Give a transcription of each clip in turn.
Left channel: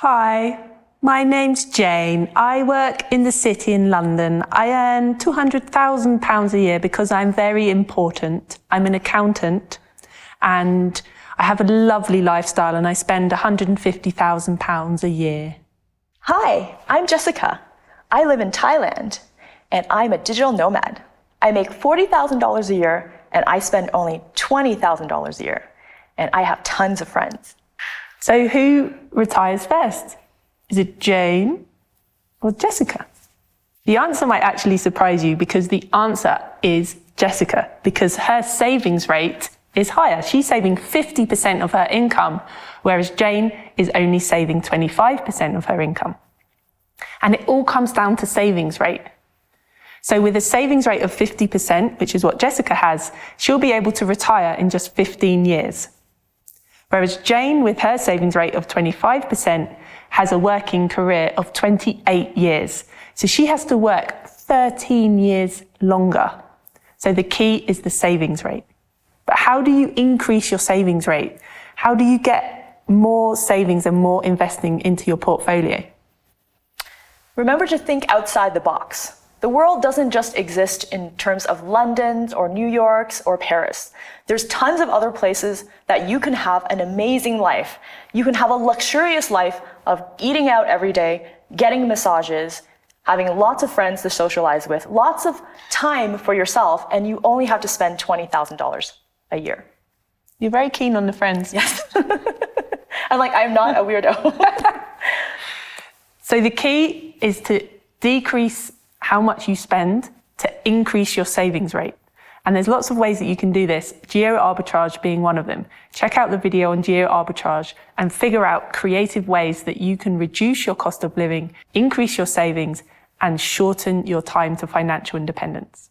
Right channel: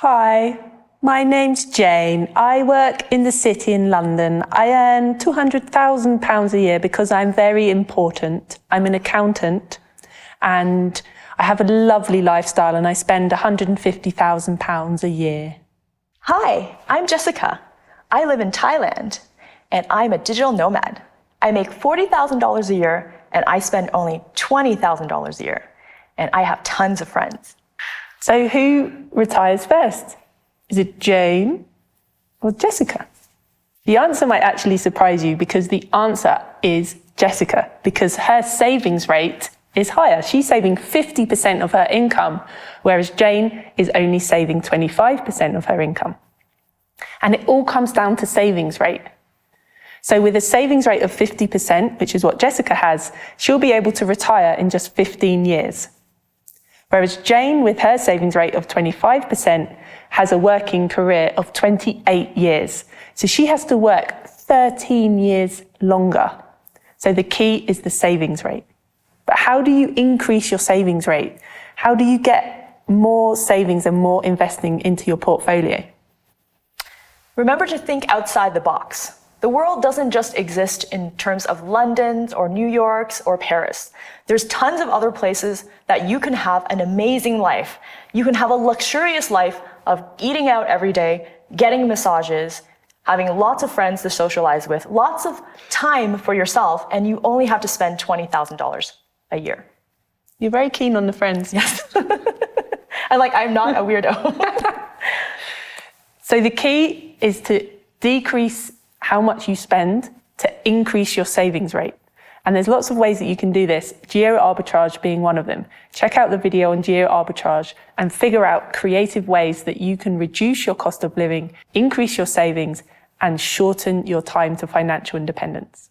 Hi, my name's Jane. I work in the city in London. I earn £200,000 a year because I'm very important. I'm an accountant and I have a lovely lifestyle and I spend £150,000 a year. Hi, I'm Jessica. I live in Thailand and I'm a digital nomad. I make $40,000 a year and I spend only $20,000 a year. And I have tons of friends. So who retires first? Is it Jane or Jessica? The answer might actually surprise you because the answer is Jessica, because her savings rate is higher. She's saving 50% of her income, whereas Jane is only saving 25% of her income. And it all comes down to savings rate. So with a savings rate of 50%, which is what Jessica has, she'll be able to retire in just 15 years. Whereas Jane, with her savings rate of 25%, has a working career of 28 years. So she has to work 13 years longer. So the key is the savings rate. But how do you increase your savings rate? How do you get more savings and more investing into your portfolio? Remember to think outside the box. The world doesn't just exist in terms of London's or New York's or Paris. There's tons of other places that you can have an amazing life. You can have a luxurious life of eating out every day, getting massages, having lots of friends to socialize with, lots of time for yourself, and you only have to spend $20,000 a year. You're very keen on the friends. Yes. I'm not a weirdo. So the key is to decrease how much you spend to increase your savings rate. And there's lots of ways that you can do this, geo arbitrage being one of them. Check out the video on geo arbitrage and figure out creative ways that you can reduce your cost of living, increase your savings, and shorten your time to financial independence.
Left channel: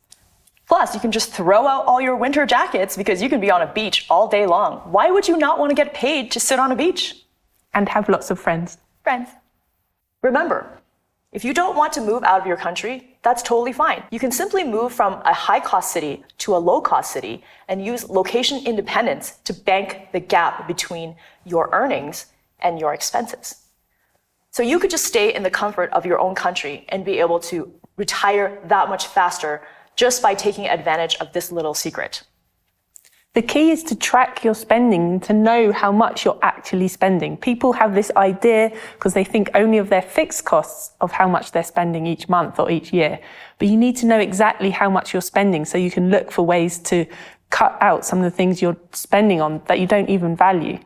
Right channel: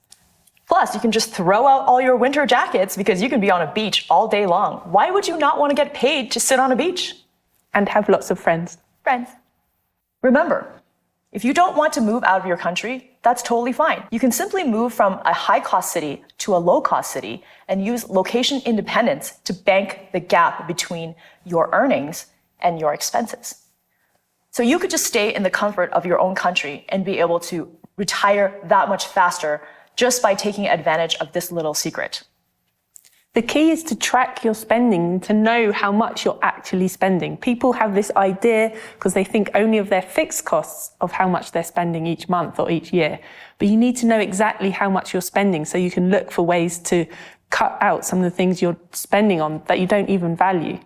Plus, you can just throw out all your winter jackets because you can be on a beach all day long. Why would you not want to get paid to sit on a beach? And have lots of friends. Remember, if you don't want to move out of your country, that's totally fine. You can simply move from a high-cost city to a low-cost city and use location independence to bank the gap between your earnings and your expenses. So you could just stay in the comfort of your own country and be able to retire that much faster just by taking advantage of this little secret. The key is to track your spending, to know how much you're actually spending. People have this idea because they think only of their fixed costs of how much they're spending each month or each year. But you need to know exactly how much you're spending so you can look for ways to cut out some of the things you're spending on that you don't even value.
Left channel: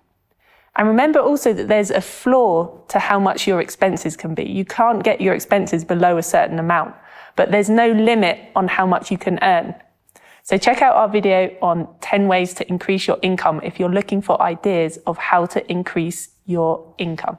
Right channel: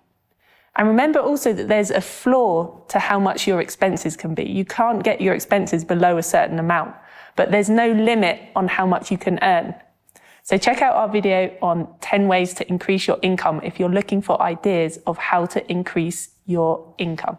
And remember also that there's a floor to how much your expenses can be. You can't get your expenses below a certain amount, but there's no limit on how much you can earn. So check out our video on 10 ways to increase your income if you're looking for ideas of how to increase your income.